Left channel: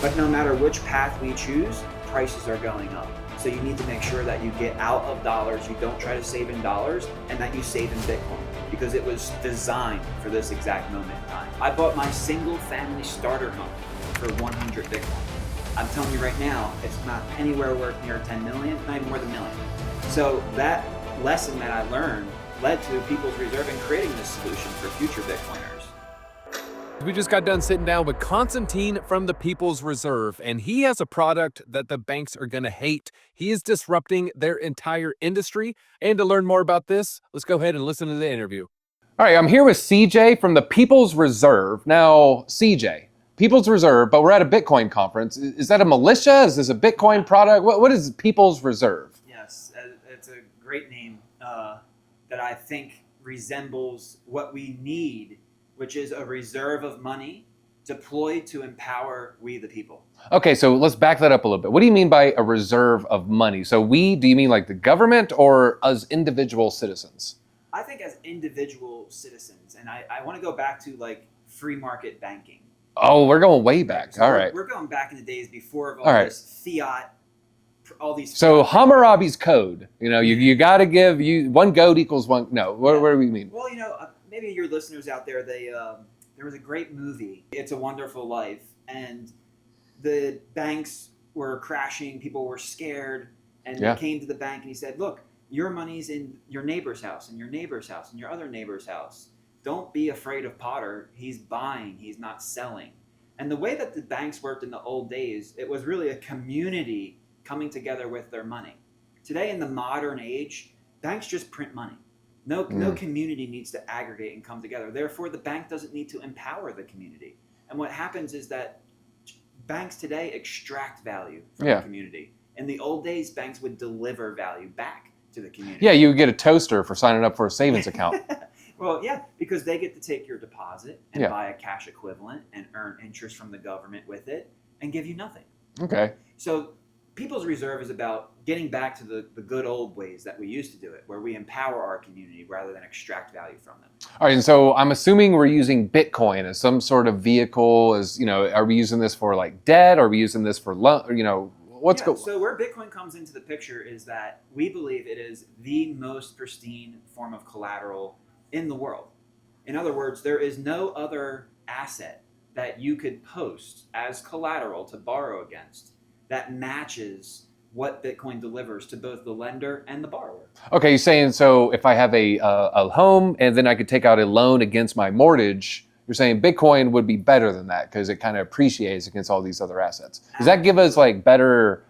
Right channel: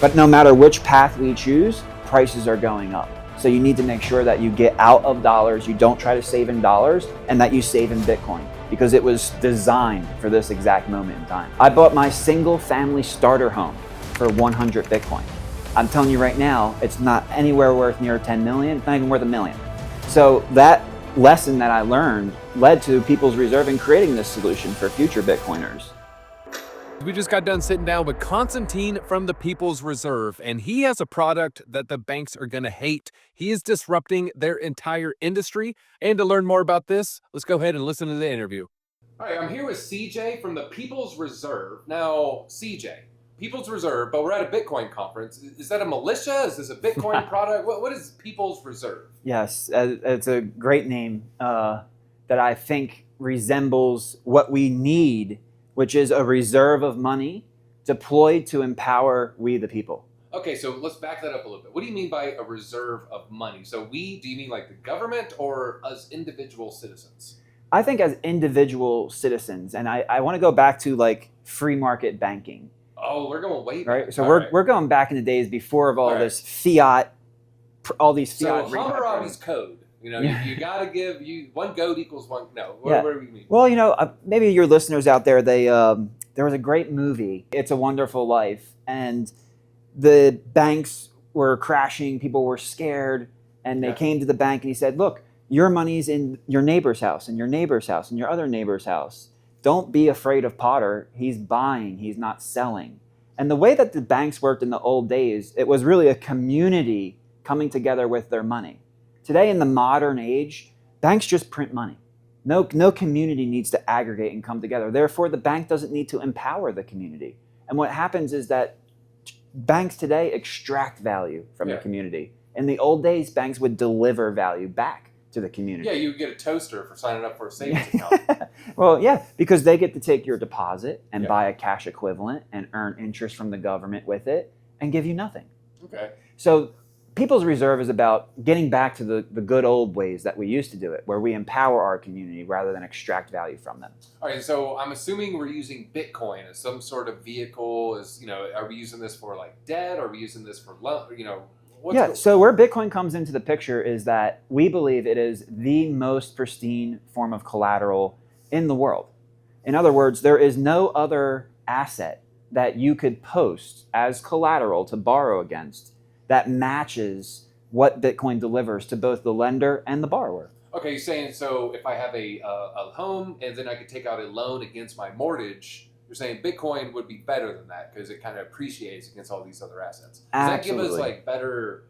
But no matter which path we choose, prices are going up. So you need to make sure that you get out of dollars, you don't try to save in dollars, and that you save in Bitcoin, because it was designed for this exact moment in time. I bought my single family starter home for 100 Bitcoin. I'm telling you right now, it's not anywhere worth near 10 million, not even worth $1 million. So that lesson that I learned led to People's Reserve in creating this solution for future Bitcoiners. We just got done sitting down with Constantine from the People's Reserve, and he has a product that the banks are going to hate. He is disrupting their entire industry. And to learn more about this, let's go ahead and listen to the interview. All right, I'm here with CJ from the People's Reserve. Now, CJ, People's Reserve, but we're at a Bitcoin conference. Is that a militia? Is this a Bitcoin product? What is People's Reserve? Yes, it's a great name that I think resembles what we need, which is a reserve of money deployed to empower we the people. Okay, so let's back that up a little bit. What do you mean by a reserve of money? So do you mean like the government or as individual citizens? I think as individual citizens, and I want to go back to like free market banking. Oh, we're going way back. Right? So we're going back in the days before of all this fiat, all these fiat. So Hammurabi's code, you got to give one goat equals one. No, what do we mean? Well, maybe your listeners out there, there was a great movie, It's a Wonderful Life, and the banks were crashing, people were scared, and they came to the bank and he said, look, your money's in your neighbor's house and your neighbor's house and your other neighbor's house. Don't be afraid of Potter. He's buying, he's not selling. And the way that the banks worked in the old days, it was really a community coming together with their money. Today in the modern age, banks just print money. No community needs to aggregate and come together. Therefore, the bank doesn't need to empower the community. And what happens is that banks today extract value from the community. In the old days, banks would deliver value back to the community. Yeah, you would get a toaster for signing up for a savings account. Well, yeah, because they get to take your deposit and buy a cash equivalent and earn interest from the government with it and give you nothing. Okay. So People's Reserve is about getting back to the good old ways that we used to do it, where we empower our community rather than extract value from them. All right, and so I'm assuming we're using Bitcoin as some sort of vehicle. Are we using this for like debt? Are we using this for loan? So where Bitcoin comes into the picture is that we believe it is the most pristine form of collateral in the world. In other words, there is no other asset that you could post as collateral to borrow against that matches what Bitcoin delivers to both the lender and the borrower. Okay, you're saying so if I have a home and then I could take out a loan against my mortgage, you're saying Bitcoin would be better than that because it kind of appreciates against all these other assets. Does that give us like better,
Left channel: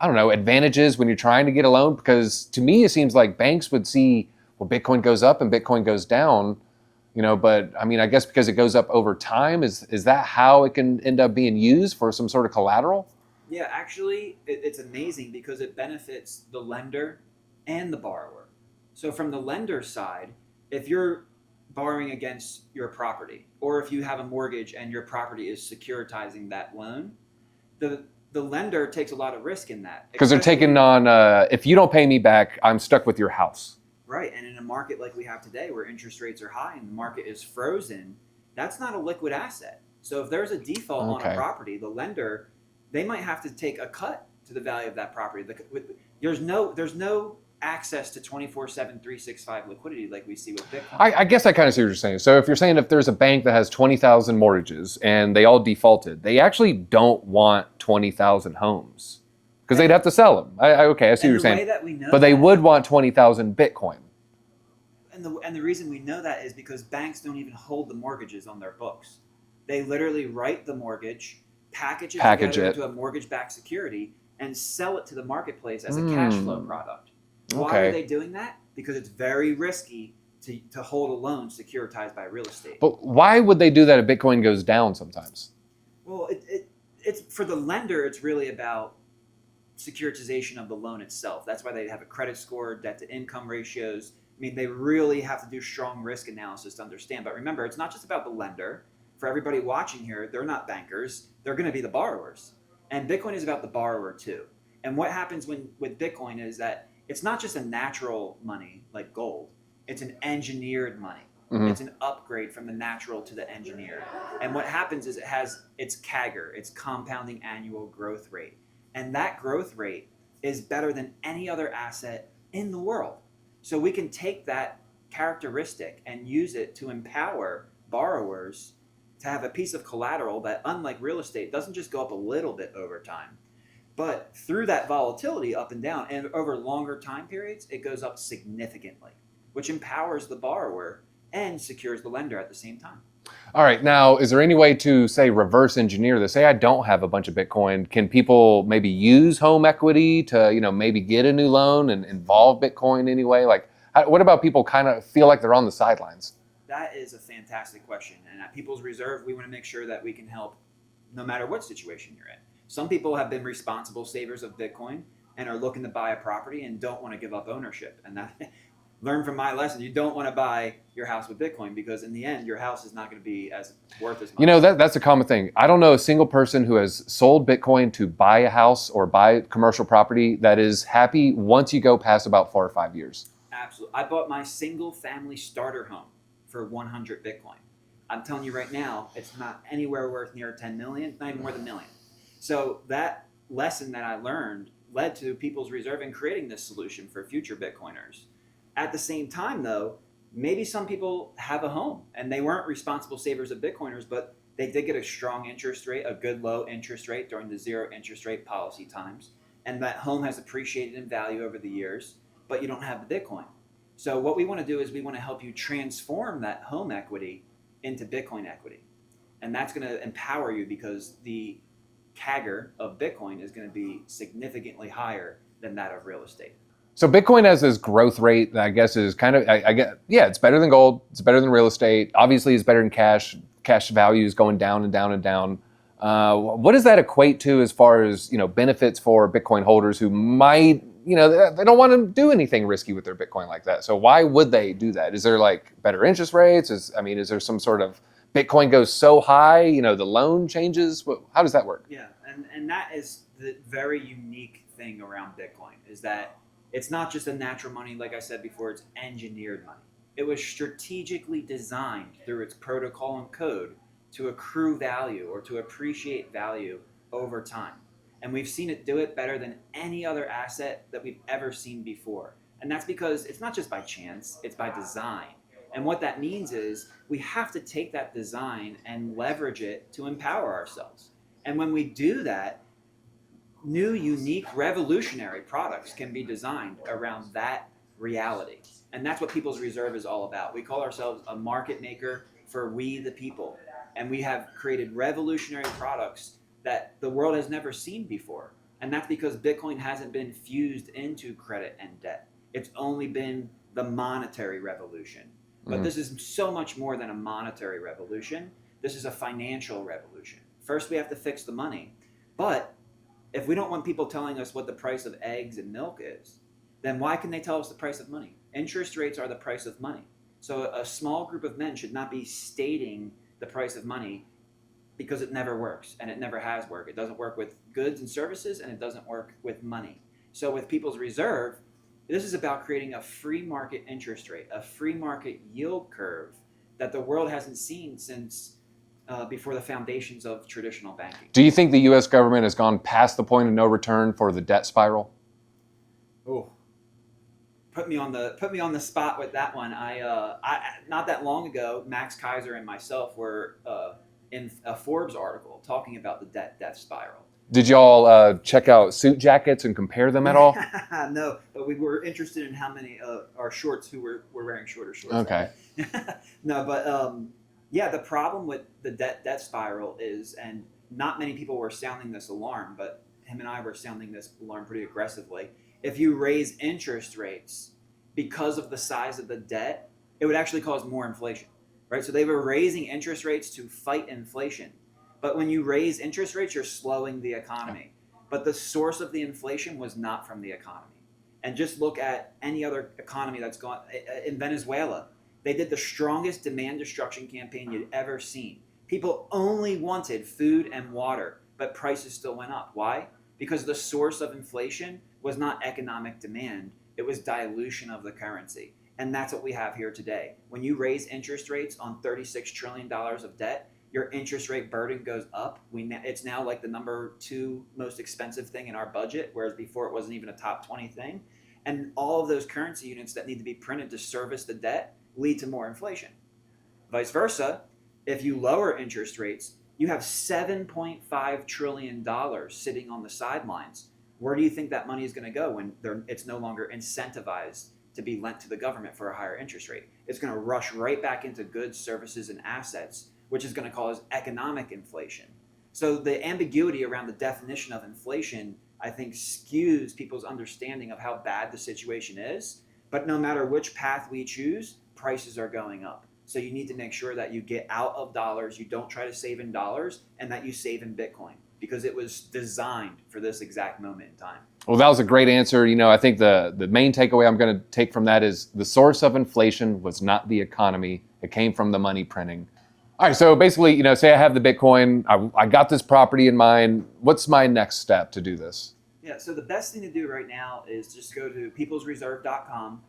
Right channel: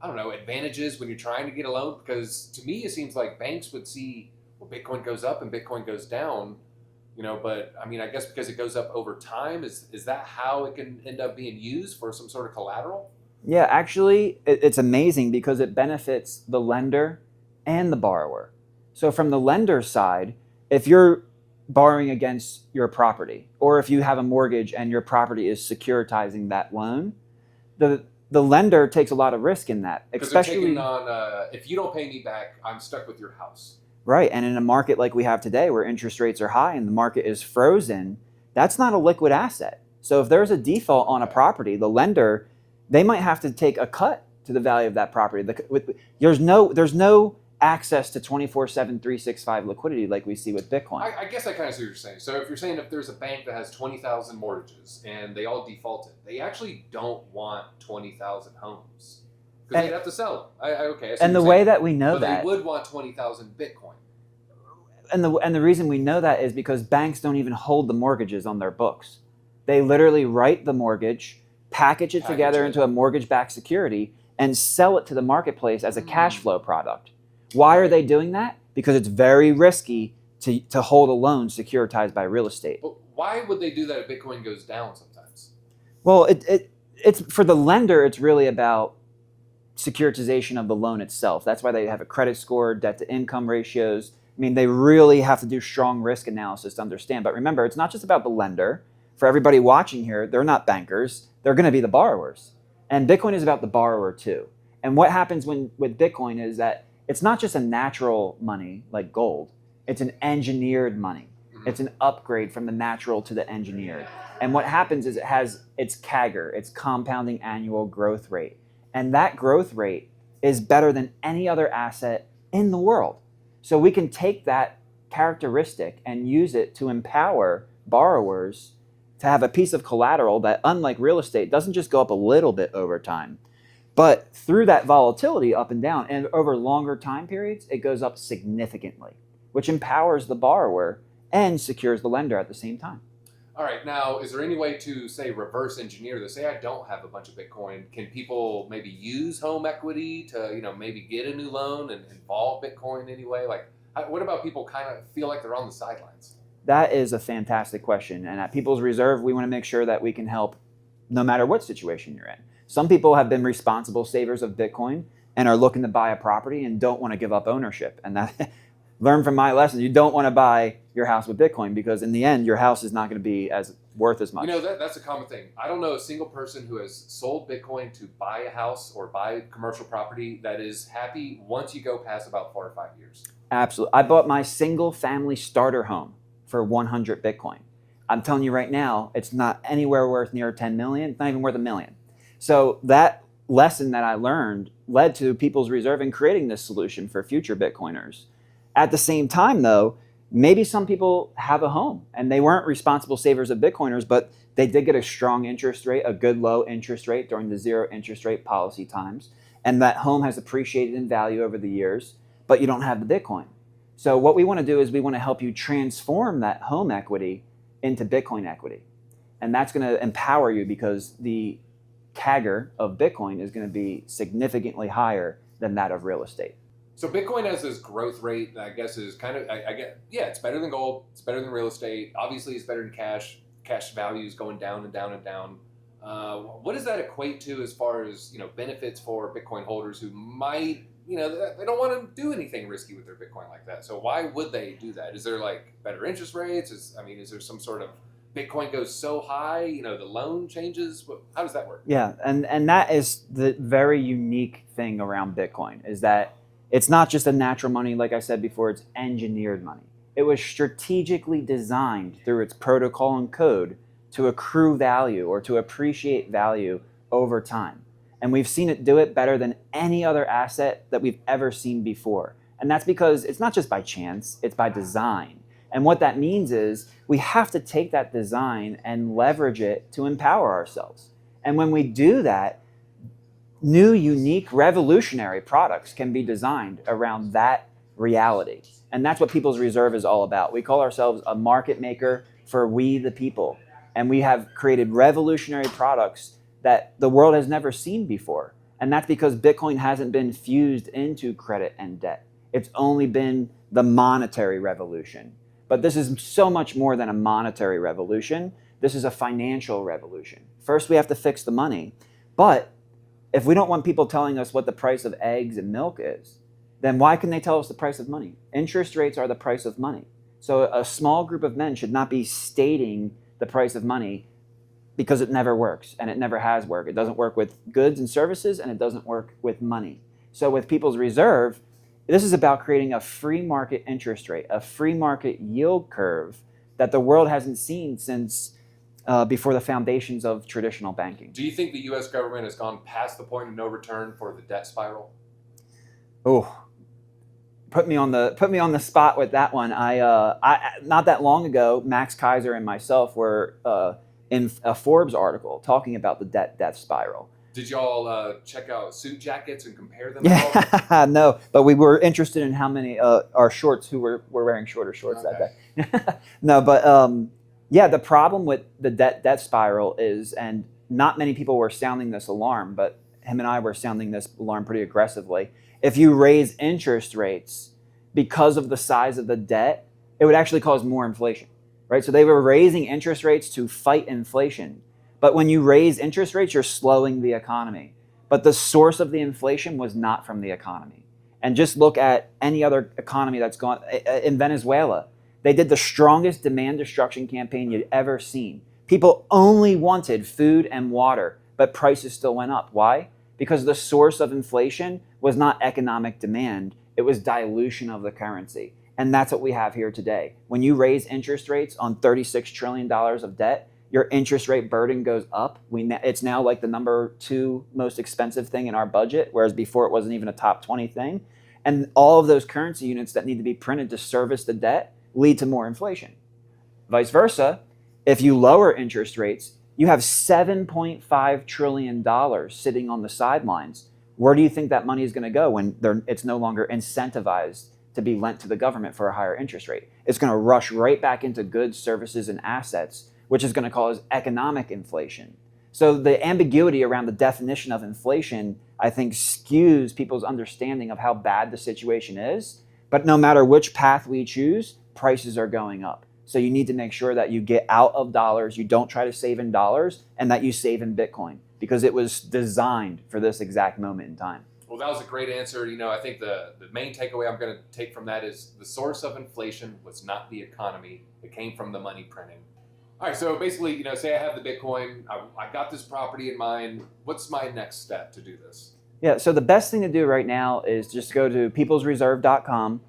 advantages when you're trying to get a loan? Because to me, it seems like banks would see, well, Bitcoin goes up and Bitcoin goes down, but I guess because it goes up over time, is that how it can end up being used for some sort of collateral? Yeah, actually, it's amazing because it benefits the lender and the borrower. So from the lender's side, if you're borrowing against your property, or if you have a mortgage and your property is securitizing that loan, the lender takes a lot of risk in that. Because they're taking on, if you don't pay me back, I'm stuck with your house. Right, and in a market like we have today where interest rates are high and the market is frozen, that's not a liquid asset. So if there's a default on a property, the lender, they might have to take a cut to the value of that property. There's no access to 24/7, 365 liquidity like we see with Bitcoin. I guess I kind of see what you're saying. So if you're saying if there's a bank that has 20,000 mortgages and they all defaulted, they actually don't want 20,000 homes because they'd have to sell them. I see what you're saying. And the way that we know but they would want 20,000 Bitcoin. And the reason we know that is because banks don't even hold the mortgages on their books. They literally write the mortgage, package it together into a mortgage-backed security, and sell it to the marketplace as a cash flow product. Why are they doing that? Because it's very risky to hold a loan securitized by real estate. But why would they do that if Bitcoin goes down sometimes? Well, it's for the lender, it's really about securitization of the loan itself. That's why they have a credit score, debt-to-income ratios. They really have to do strong risk analysis to understand. But remember, it's not just about the lender. For everybody watching here, they're not bankers. They're going to be the borrowers. And Bitcoin is about the borrower too. And what happens with Bitcoin is that it's not just a natural money like gold. It's an engineered money. It's an upgrade from the natural to the engineered. And what happens is it has its CAGR, its compounding annual growth rate. And that growth rate is better than any other asset in the world. So we can take that characteristic and use it to empower borrowers to have a piece of collateral that, unlike real estate, doesn't just go up a little bit over time, but through that volatility up and down and over longer time periods, it goes up significantly, which empowers the borrower and secures the lender at the same time. All right. Now, is there any way to, say, reverse engineer this? Say I don't have a bunch of Bitcoin. Can people maybe use home equity to, maybe get a new loan and involve Bitcoin anyway? Like, what about people kind of feel like they're on the sidelines? That is a fantastic question. And at People's Reserve, we want to make sure that we can help no matter what situation you're in. Some people have been responsible savers of Bitcoin and are looking to buy a property and don't want to give up ownership. And that learn from my lesson. You don't want to buy your house with Bitcoin because in the end, your house is not going to be as worth as much. That's a common thing. I don't know a single person who has sold Bitcoin to buy a house or buy commercial property that is happy once you go past about 4 or 5 years. Absolutely. I bought my single family starter home for 100 Bitcoin. I'm telling you right now, it's not anywhere worth near 10 million. It's not even worth $1 million. So that lesson that I learned led to People's Reserve in creating this solution for future Bitcoiners. At the same time, though, maybe some people have a home and they weren't responsible savers of Bitcoiners, but they did get a strong interest rate, a good low interest rate during the zero interest rate policy times. And that home has appreciated in value over the years, but you don't have the Bitcoin. So what we want to do is we want to help you transform that home equity into Bitcoin equity. And that's going to empower you because the CAGR of Bitcoin is going to be significantly higher than that of real estate. So Bitcoin has this growth rate that I guess is kind of, it's better than gold. It's better than real estate. Obviously, it's better than cash. Cash value is going down and down and down. What does that equate to as far as, benefits for Bitcoin holders who might, they don't want to do anything risky with their Bitcoin like that. So why would they do that? Is there like better interest rates? Is there some sort of Bitcoin goes so high, the loan changes? How does that work? Yeah, and that is the very unique thing around Bitcoin is that it's not just a natural money, like I said before, it's engineered money. It was strategically designed through its protocol and code to accrue value or to appreciate value over time. And we've seen it do it better than any other asset that we've ever seen before. And that's because it's not just by chance, it's by design. And what that means is we have to take that design and leverage it to empower ourselves. And when we do that, new, unique, revolutionary products can be designed around that reality. And that's what People's Reserve is all about. We call ourselves a market maker for we the people. And we have created revolutionary products that the world has never seen before. And that's because Bitcoin hasn't been fused into credit and debt. It's only been the monetary revolution. But this is so much more than a monetary revolution. This is a financial revolution. First, we have to fix the money. But if we don't want people telling us what the price of eggs and milk is, then why can they tell us the price of money? Interest rates are the price of money. So a small group of men should not be stating the price of money because it never works and it never has worked. It doesn't work with goods and services and it doesn't work with money. So with People's Reserve, this is about creating a free market interest rate, a free market yield curve that the world hasn't seen since before the foundations of traditional banking. Do you think the U.S. government has gone past the point of no return for the debt spiral? Oh, put me on the spot with that one. I not that long ago, Max Kaiser and myself were in a Forbes article talking about the debt spiral. Did y'all check out suit jackets and compare them at all? No, but we were interested in how many our shorts who were wearing shorter shorts. Okay. That day. No, but yeah, the problem with the debt spiral is, and not many people were sounding this alarm, but him and I were sounding this alarm pretty aggressively. If you raise interest rates because of the size of the debt, it would actually cause more inflation, right? So they were raising interest rates to fight inflation. But when you raise interest rates, you're slowing the economy. But the source of the inflation was not from the economy. And just look at any other economy that's gone. In Venezuela, they did the strongest demand destruction campaign you'd ever seen. People only wanted food and water, but prices still went up. Why? Because the source of inflation was not economic demand. It was dilution of the currency. And that's what we have here today. When you raise interest rates on $36 trillion of debt, your interest rate burden goes up. It's now like the number 2 most expensive thing in our budget, whereas before it wasn't even a top 20 thing. And all of those currency units that need to be printed to service the debt lead to more inflation. Vice versa, if you lower interest rates, you have $7.5 trillion sitting on the sidelines. Where do you think that money is going to go when it's no longer incentivized to be lent to the government for a higher interest rate? It's going to rush right back into goods, services, and assets, which is going to cause economic inflation. So the ambiguity around the definition of inflation, I think, skews people's understanding of how bad the situation is. But no matter which path we choose, prices are going up. So you need to make sure that you get out of dollars, you don't try to save in dollars, and that you save in Bitcoin, because it was designed for this exact moment in time. Well, that was a great answer. I think the main takeaway I'm going to take from that is the source of inflation was not the economy. It came from the money printing. All right, so basically, say I have the Bitcoin, I got this property in mind. What's my next step to do this? Yeah, so the best thing to do right now is just go to peoplesreserve.com,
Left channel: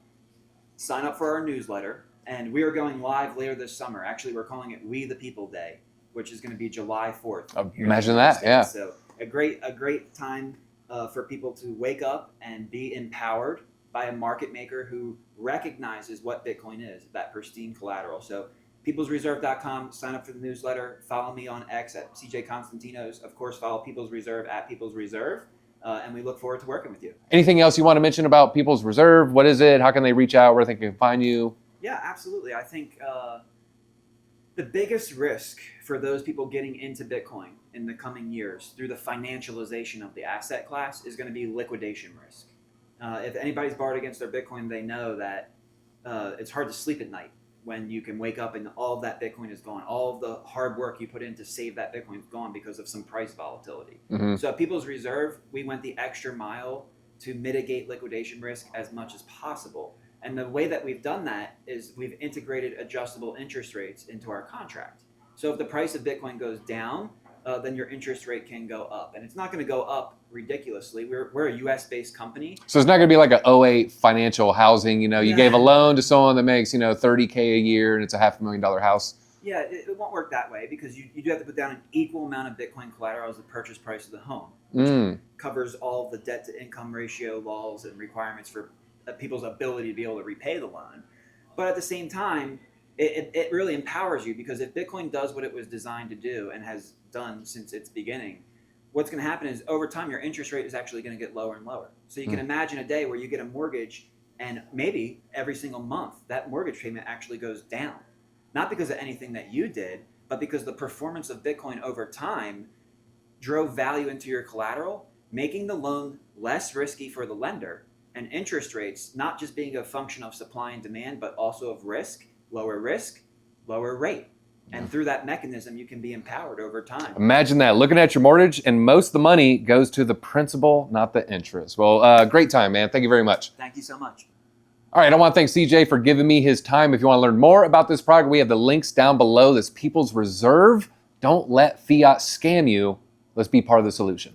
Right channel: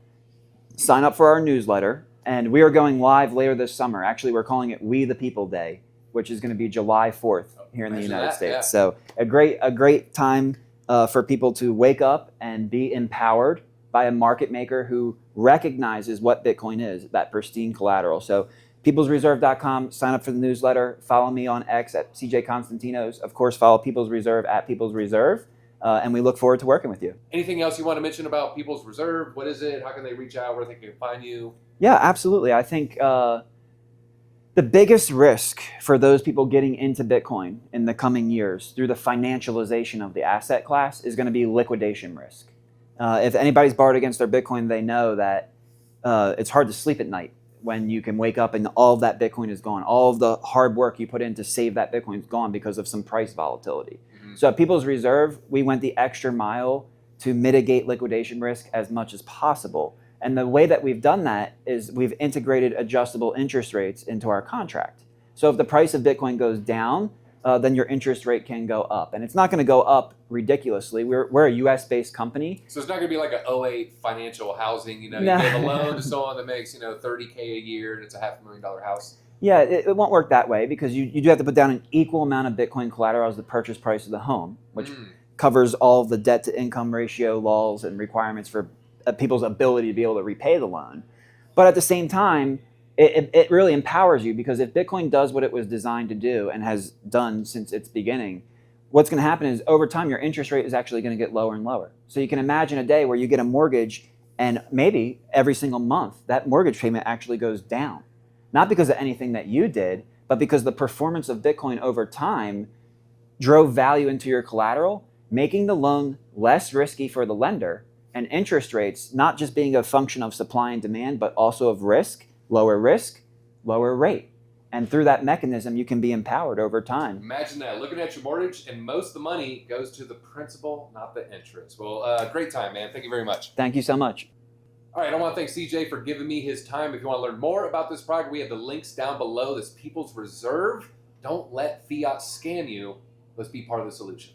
sign up for our newsletter, and we are going live later this summer. Actually, we're calling it We the People Day, which is going to be July 4th here in the United States. Yeah. So a great time for people to wake up and be empowered by a market maker who recognizes what Bitcoin is, that pristine collateral. So peoplesreserve.com, sign up for the newsletter, follow me on X at CJ Constantinos. Of course, follow People's Reserve at People's Reserve. And we look forward to working with you. Anything else you want to mention about People's Reserve? What is it? How can they reach out? Where they can find you? Yeah, absolutely. I think the biggest risk for those people getting into Bitcoin in the coming years through the financialization of the asset class is going to be liquidation risk. If anybody's borrowed against their Bitcoin, they know that it's hard to sleep at night when you can wake up and all of that Bitcoin is gone. All of the hard work you put in to save that Bitcoin is gone because of some price volatility. Mm-hmm. So at People's Reserve, we went the extra mile to mitigate liquidation risk as much as possible. And the way that we've done that is we've integrated adjustable interest rates into our contract. So if the price of Bitcoin goes down, then your interest rate can go up. And it's not going to go up ridiculously. We're a US-based company. So it's not going to be like a 2008 financial housing, you gave a loan to someone that makes, $30K a year and it's a $500,000 house. Yeah, it won't work that way because you do have to put down an equal amount of Bitcoin collateral as the purchase price of the home, which covers all of the debt to income ratio laws and requirements for people's ability to be able to repay the loan. But at the same time, it really empowers you, because if Bitcoin does what it was designed to do and has done since its beginning, what's going to happen is over time your interest rate is actually going to get lower and lower. So you can imagine a day where you get a mortgage and maybe every single month that mortgage payment actually goes down. Not because of anything that you did, but because the performance of Bitcoin over time drove value into your collateral, making the loan less risky for the lender, and interest rates not just being a function of supply and demand, but also of risk, lower rate. And through that mechanism, you can be empowered over time. Imagine that, looking at your mortgage, and most of the money goes to the principal, not the interest. Well, great time, man. Thank you very much. Thank you so much. All right, I want to thank CJ for giving me his time. If you want to learn more about this product, we have the links down below. This People's Reserve. Don't let fiat scam you. Let's be part of the solution.